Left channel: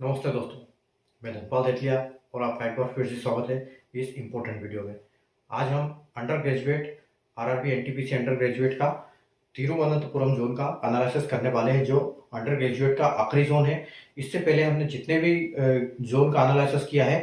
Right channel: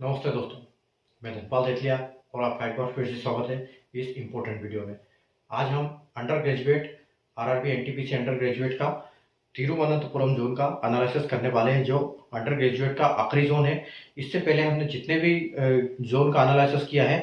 नमस्ते दोस्तों, मैं धनपाल सेठिया और आपका एक बार फिर से स्वागत है इस इम्पोर्टेंट वीडियो में। आज हम under graduate RRB NTPC under graduate का तिरुवनंतपुरम जोन का एनालिसिस करने वाले हैं, जो अंडर ग्रेजुएट का आखिरी जोन है। इससे पहले हमने जितने भी जोन का एनालिसिस किया है,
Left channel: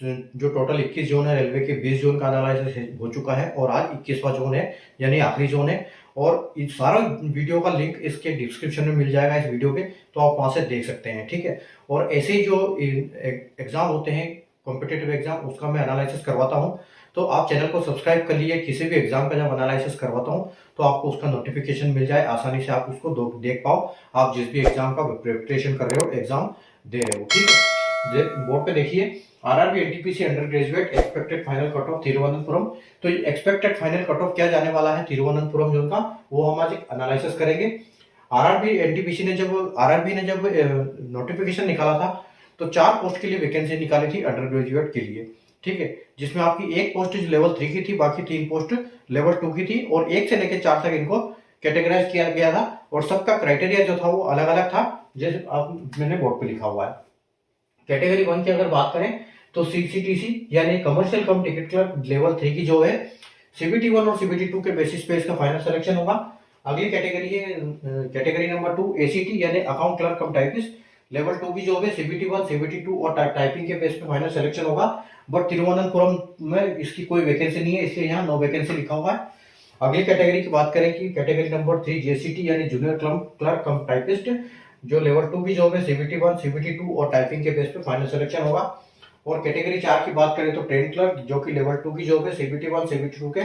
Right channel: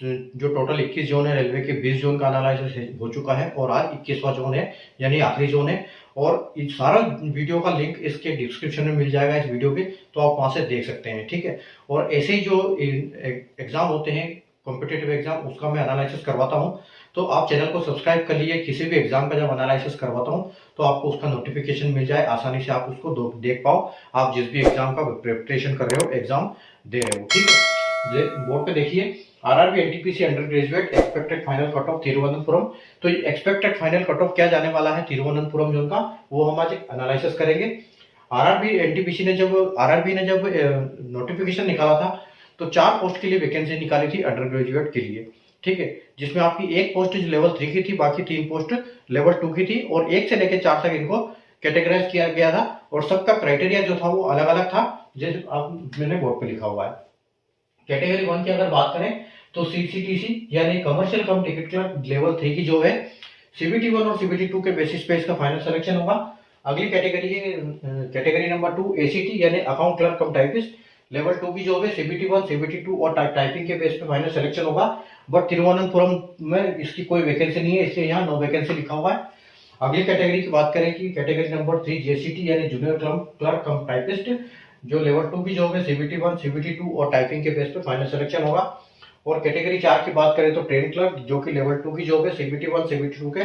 जो टोटल 21 जोन है, रेलवे के 20 जोन का एनालिसिस हो चुका है और आज 21वां जोन है, यानी आखिरी जोन है। और इस सारा वीडियो का लिंक इसके डिस्क्रिप्शन में मिल जाएगा इस वीडियो के, तो आप वहाँ से देख सकते हैं, ठीक है। और ऐसे ही जो एग्ज़ाम होते हैं, कॉम्पिटिटिव एग्ज़ाम, उसका मैं एनालिसिस करवाता हूँ। तो आप चैनल को सब्सक्राइब कर लीजिए। किसी भी एग्ज़ाम का जब एनालिसिस करवाता हूँ तो आपको उसका नोटिफिकेशन मिल जाए, आसानी से आप उसको देख पाओ। आप जिस भी एग्ज़ाम का प्रिपरेशन कर रहे हो, एग्ज़ाम दे रहे हो, ठीक है। बोर्ड पे देखिए, RRB NTPC under graduate expected final cut off Thiruvananthapuram. तो एक्सपेक्टेड फाइनल कट ऑफ क्या जाने वाला है तिरुवनंतपुरम जोन का, वो हम आज एनालिसिस करेंगे। आरआरबी ने जब नोटिफिकेशन निकाला था तो 4 पोस्ट के लिए वैकेंसी निकाली थी अंडर ग्रेजुएट के लिए, ठीक है। जिसमें आपकी एक पोस्ट लेवल 3 की थी, बाकी 3 पोस्ट लेवल 2 की थी और 1 से लेकर 4 तक इनको कैटेगराइज किया गया था। और सबका क्राइटेरिया जो था वो अलग अलग था, जैसे मैंने बोर्ड पे लिखा हुआ है। कैटेगरी 1 की अगर बात करें तो सीसीटीसी यानी कमर्शियल कम टिकट क्लर्क लेवल 3 की जो है, सीबीटी 1 और सीबीटी 2 के बेसिस पे इसका फाइनल सिलेक्शन होगा। अगली कैटेगरी है कैटेगरी नंबर 2 एसीटी यानी अकाउंट क्लर्क कम टाइपिस्ट लेवल 2 की जो है, सीबीटी 1 सीबीटी 2 और टाइपिंग के बेस पे फाइनल सिलेक्शन होगा। बट तिरुवनंतपुरम में इसकी कोई वैकेंसी नहीं है, इसलिए यहाँ नो वैकेंसी लिखा हुआ है। अगली कैटेगरी की बात करें कि कैटेगरी नंबर 3 जेसीटी यानी जूनियर क्लर्क कम टाइपिस्ट, जो लेवल 2 की जॉब है, सीबीटी 1 सीबीटी 2 और टाइपिंग के बेस पे फाइनल सिलेक्शन होगा। और कैटेगरी 4 की बात करें तो ट्रेन क्लर्क, जो कि लेवल 2 की जॉब है, सीबीटी 1 सीबीटी 2 के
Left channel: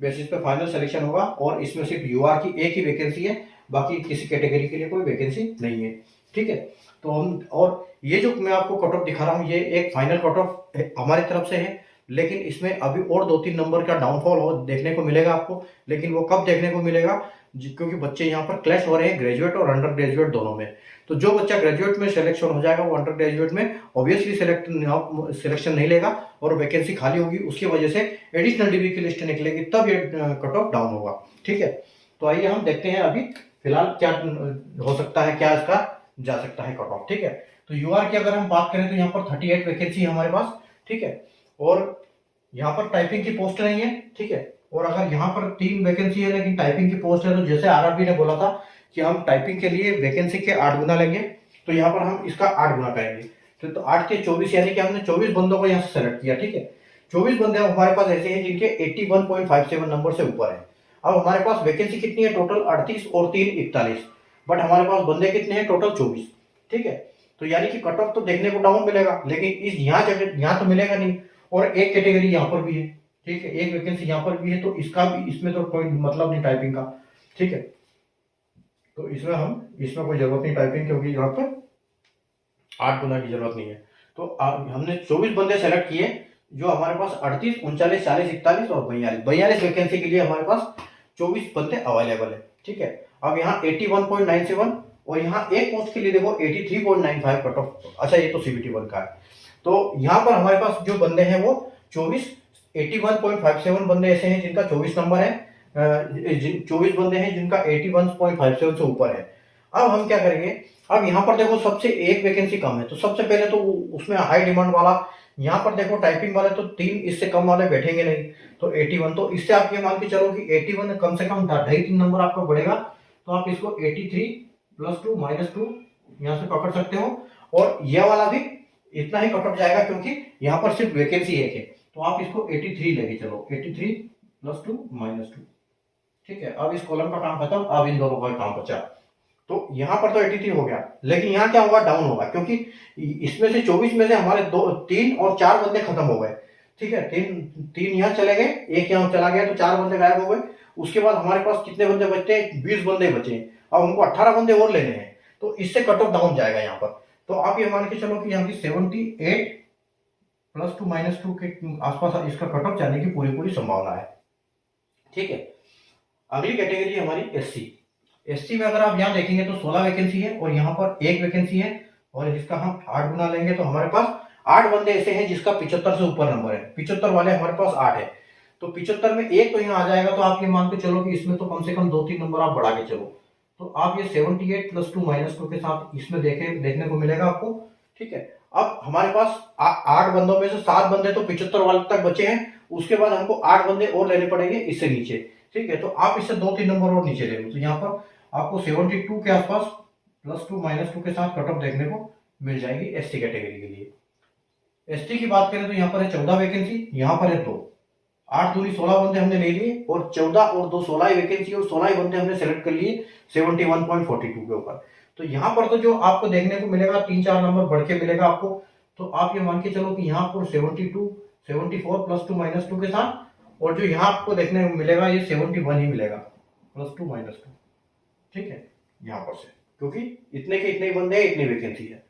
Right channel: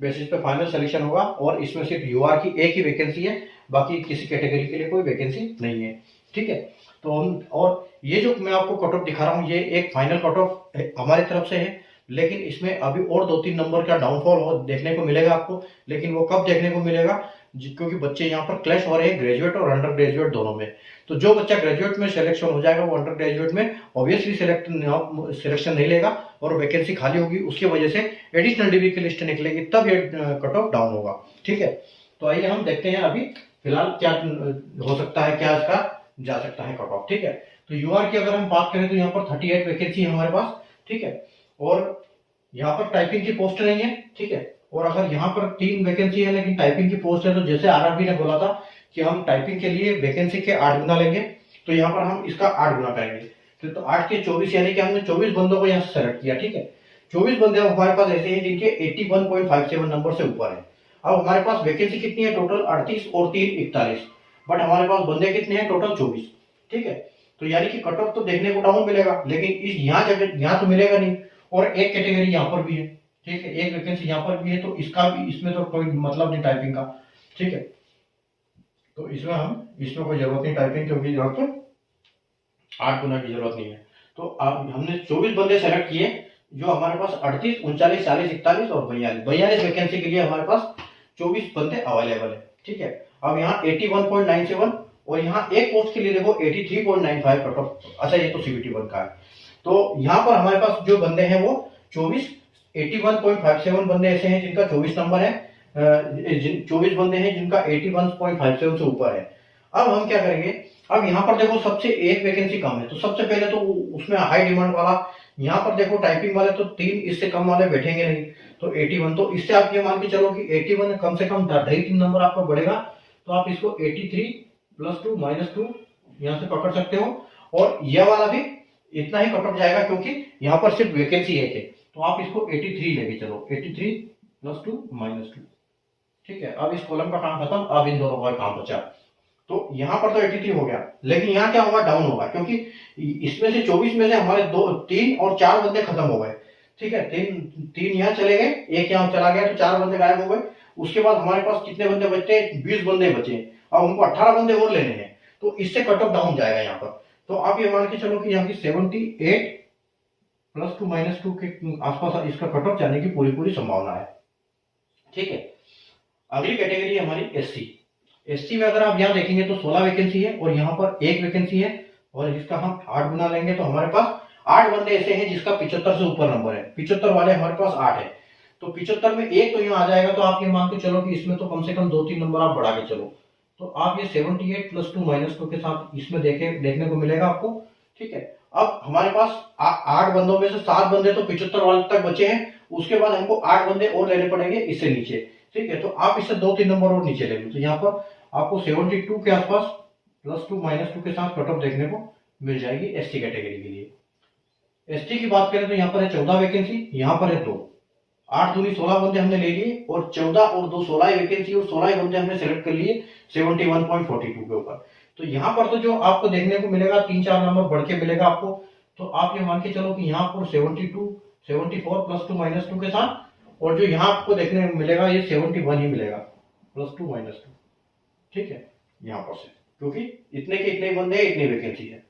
बेसिस पे फाइनल सिलेक्शन होगा। और इसमें सिर्फ यूआर की एक ही वैकेंसी है, बाकी किसी कैटेगरी के लिए कोई वैकेंसी नहीं है, ठीक है। तो हम, और ये जो मैं आपको कट ऑफ दिखा रहा हूँ, ये एक फाइनल कट ऑफ हमारी तरफ से है, लेकिन इसमें अभी और 2-3 नंबर का डाउनफॉल देखने को मिलेगा आपको। लेकिन वो कब देखने को मिलेगा, क्योंकि बच्चे यहाँ पर क्लैश हो रहे हैं ग्रेजुएट और अंडर ग्रेजुएट दोनों में। तो जो बच्चा ग्रेजुएट में सिलेक्शन हो जाएगा वो अंडर ग्रेजुएट में ऑब्वियसली सिलेक्शन नहीं लेगा और वैकेंसी खाली होगी, उसकी वजह से एडिशनल डिग्री की लिस्ट निकलेगी, तब ये कट ऑफ डाउन होगा, ठीक है। तो आइए हम देखते हैं अभी फिलहाल क्या हो सकता है, क्या इसका जा सकता है कट ऑफ, ठीक है। तो यूआर की अगर हम बात करें तो यहाँ पर 38 वैकेंसी है हमारे पास, ठीक है। और यहाँ पर टाइपिंग की पोस्ट नहीं है, ठीक है। और अगर यहाँ पर 3 वैकेंसी है लेकिन टाइपिंग की पोस्ट है, तो जैसे आरआरबी ने बोला था कि हम टाइपिंग के लिए वैकेंसी के 8 गुना लेंगे, तो यहाँ पर हम इसका 8 गुना करेंगे। तो 8 के 24 यानी कि हमने 24 बंदों को यहाँ से सेलेक्ट किया, ठीक है। 24 बंदे हमारे पास ऐसे हैं जिनके 81.57 नंबर से ऊपर है। अब हमारे पास वैकेंसी कितनी है टोटल, 38 और 3 41, बट हमारे पास बंदे कितने हैं टोटल 24, ठीक है। तो यानी कि कट ऑफ तो देखने को डाउन मिलेगा, लेकिन इस यहाँ तो मिलेगा नहीं। और एक कैटेगरी यहाँ पर भी है, ठीक है, एक वैकेंसी यहाँ पर भी है, तो इसका भी, इसमें तो कोई मतलब नहीं टाइपिंग का, ठीक है। तो इसमें कोई जरूरत नहीं टाइपिंग, क्योंकि यहाँ पर 8 गुना की जरूरत नहीं है। तो हमने 24 बंदे सेलेक्ट किए, जो हमारे पास 38, 39, 40, 41 और 42 वैकेंसी के लिए हमारे पास 24 बंदे अवेलेबल है, ठीक है। अब यहाँ 81.97 और यहाँ एक पोस्ट के लिए देखो 83.95 कट ऑफ। अच्छा, ये तो सीबीटी 1 का है। तो यहाँ पर हमारे पास जो बंदे हैं वो 81.57 बंदे ऐसे हैं जिनका 24 नंबर है, 24 बंदे हैं जिनका 81.57 से ऊपर है। अब हम क्या करेंगे, अब यहाँ पर देखो सबसे एक वैकेंसी कम है, तो सबसे पहले तो उसमें हाई डिमांड वाला, यहाँ पर देखो टाइपिंग वाले तो 3 इससे कम वाले बैठेंगे नहीं, तो 81, तो इससे आप ये मान के चलो कि 81 कम से कम 2.5-3 नंबर आपका बढ़ेगा, तो आप इसको 83 + 2 - 2 यहाँ से पकड़ सकते हो। और यह वाला भी इतना ही कट ऑफ जाएगा, क्योंकि यहाँ पर सिर्फ वैकेंसी एक है, तो आप इसको 83 लेके चलो, 83 + 2 - 2, ठीक है। अब इस कॉलम का काम खत्म, अब इन दोनों का काम बचा। तो यहाँ पर तो 83 हो गया, लेकिन यहाँ क्या होगा, डाउन होगा, क्योंकि इसमें से 24 में से हमारे 3 और 4 बंदे खत्म हो गए, ठीक है। 3 यहाँ चले गए, एक यहाँ चला गया, तो 4 बंदे गायब हो गए। उसके बाद हमारे पास कितने बंदे बचते हैं, 20 बंदे बचे, और उनको 18 बंदे और लेने हैं, तो इससे कट ऑफ डाउन जाएगा यहाँ पर। तो आप ये मान के चलो कि यहाँ की 78 + 2 - 2 के आसपास इसका कट ऑफ जाने की पूरी संभावना है, ठीक है। अगली कैटेगरी हमारी एससी में अगर आप यहाँ देखेंगे तो 16 वैकेंसी है और यहाँ पर एक वैकेंसी है, और इसका हम 8 गुना लेंगे तो हमारे पास 8 बंदे ऐसे हैं जिसका 75 से ऊपर नंबर है। 75 वाले हमारे पास 8 है, तो 75 में एक तो यहाँ आ जाएगा, तो आप ये मान के चलो कि इसमें तो कम से कम 2-3 नंबर आप बढ़ा के चलो। तो आप ये 78 + 2 - 2 के साथ इसमें देखने को मिलेगा आपको ठीक है। अब हमारे पास 8 बंदों में से 7 बंदे तो 75 वाले तक बचे हैं, उसके बाद हमको 8 बंदे और लेने पड़ेंगे इससे नीचे, ठीक है। तो आप इससे 2-3 नंबर और नीचे ले लो, तो यहाँ पर आपको 72 के आसपास +2 -2 के साथ कट ऑफ देखने को मिल जाएगी एसटी कैटेगरी के लिए। एसटी की बात करें तो यहाँ पर है 14 वैकेंसी, यहाँ पर है 2, 8 दूनी 16 बंदे हमने ले लिए, और 14 और 2 16 ही वैकेंसी और 16 ही बंदे हमने सेलेक्ट कर लिए 71.42 के ऊपर। तो यहाँ पर तो जो आपको देखने को मिलेगा 3-4 नंबर बढ़ के मिलेगा आपको, तो आप ये मान के चलो कि यहाँ पर 72 74 +2 -2 के साथ, और जो यहाँ आपको देखने को मिलेगा ये 71 ही मिलेगा +2 -2, ठीक है। यहाँ पर से क्योंकि इतने के इतने बंदे हैं, इतनी वैकेंसी है।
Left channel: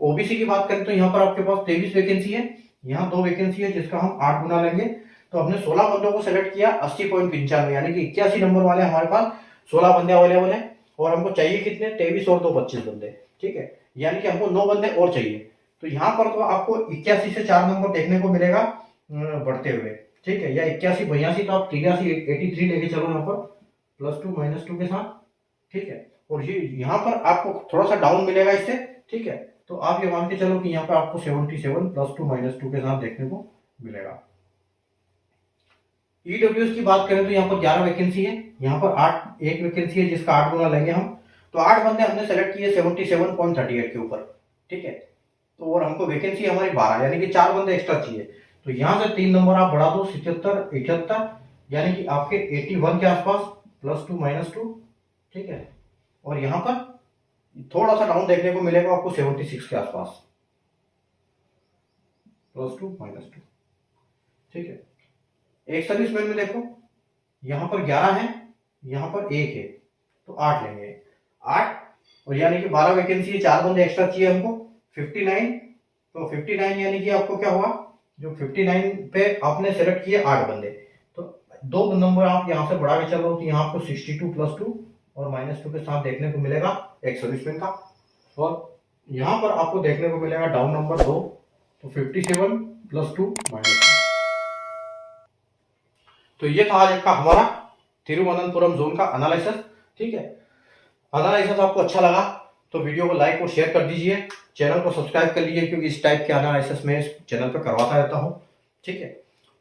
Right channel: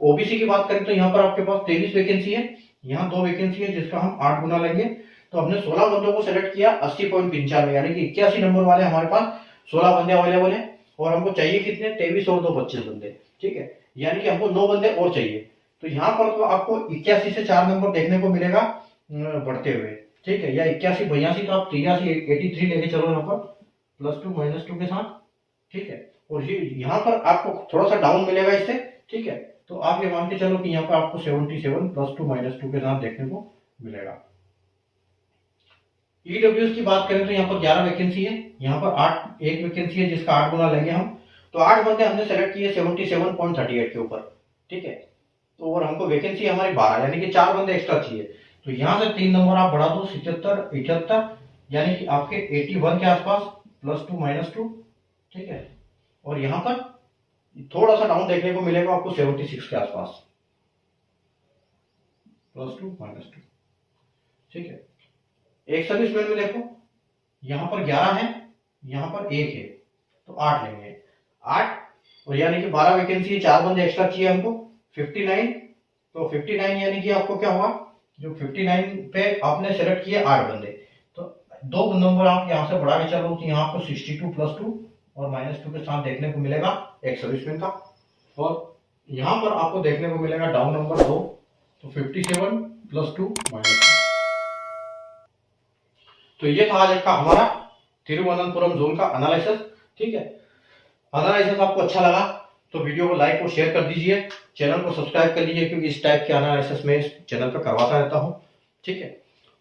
ओबीसी की बात करें तो यहाँ पर आपके पास 23 वैकेंसी है, यहाँ 2 वैकेंसी है जिसका हम 8 गुना लेंगे, तो हमने 16 बंदों को सेलेक्ट किया 80.95, यानी कि 81 नंबर वाले हमारे पास 16 बंदे अवेलेबल हैं, और हमको चाहिए कितने 23 और 2 25 बंदे, ठीक है। यानी कि हमको 9 बंदे और चाहिए। तो यहाँ पर तो आपको 81 से 4 नंबर देखने को मिलेगा बढ़ते हुए, ठीक है, या 81 82, तो आप 83 83 लेके चलो यहाँ पर +2 -2 के साथ, ठीक है। और ये यहाँ पर आपको थोड़ा सा डाउन मिलेगा इससे, ठीक है। तो आप ये मान के चलो कि यहाँ पर आपको 77 +2 -2 के साथ देखने को मिलेगा। ईडब्ल्यूएस की बात करें तो यहाँ पर 11 वैकेंसी है, यहाँ पर 1 वैकेंसी है जिसका 8 गुना लेंगे हम, तो 8 बंदे हमने सेलेक्ट किए 77.38 के ऊपर, ठीक है। तो और हमको वैकेंसी हमारी 12, यानी कि 4 बंदे एक्स्ट्रा चाहिए, तो यहाँ से 3 नंबर आप बढ़ा दो 77 78, यानी कि आपके 81 के आसपास +2 -2, ठीक है। और यहाँ पर थोड़ा सा डाउन देखने को मिलेगा आपको 76 के आसपास +2 -2, ठीक है। एक सर्विसमैन में देखो यहाँ पर 11 है, यहाँ पर 1 है, तो 8 लेंगे, 8, और यानी कि 12 वैकेंसी है, 4 बंदे एक्स्ट्रा चाहिए हमको 59, तो 59 यानी कि आपको क्या हुआ, जो 59 पे आपने सेलेक्ट किए 8 बंदे, तो 2 नंबर आप यहाँ से बढ़ा के चलो, तो यहाँ पर 62 +2 और -2 के साथ देखने को मिलेगा एक सर्विसमैन का, और यहाँ पर आपको देखने को मिलेगा डाउन नंबर 2, तो 57 +2 -2। तो ये था आज का हमारा तिरुवनंतपुरम जोन का एनालिसिस, ठीक है। एनालिसिस आपको अच्छा लगा तो वीडियो को लाइक और शेयर कर दीजिए, चैनल को सब्सक्राइब कर लीजिए, क्योंकि इस टाइप के एनालिसिस में इस चैनल पर करवाता रहता हूँ, ठीक है।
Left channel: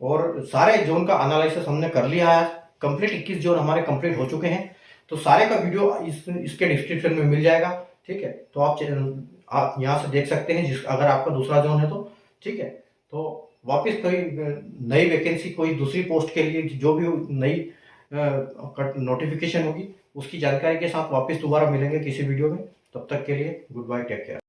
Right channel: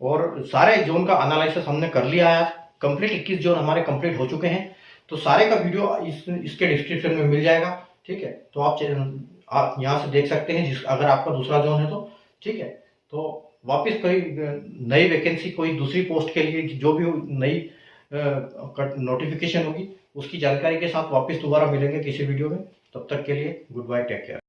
और सारे जोन का एनालिसिस हमने कर लिया है, कंप्लीट 21 जोन हमारे कंप्लीट हो चुके हैं, तो सारे का वीडियो इसके डिस्क्रिप्शन में मिल जाएगा, ठीक है। तो आप यहाँ से देख सकते हैं, अगर आपका दूसरा जोन है तो, ठीक है। तो वापस कोई नई वैकेंसी, कोई दूसरी पोस्ट के लिए जो भी नई नोटिफिकेशन होगी उसकी जानकारी के साथ वापस दोबारा मिलेंगे किसी वीडियो में। तब तक के लिए गुड बाय, टेक केयर।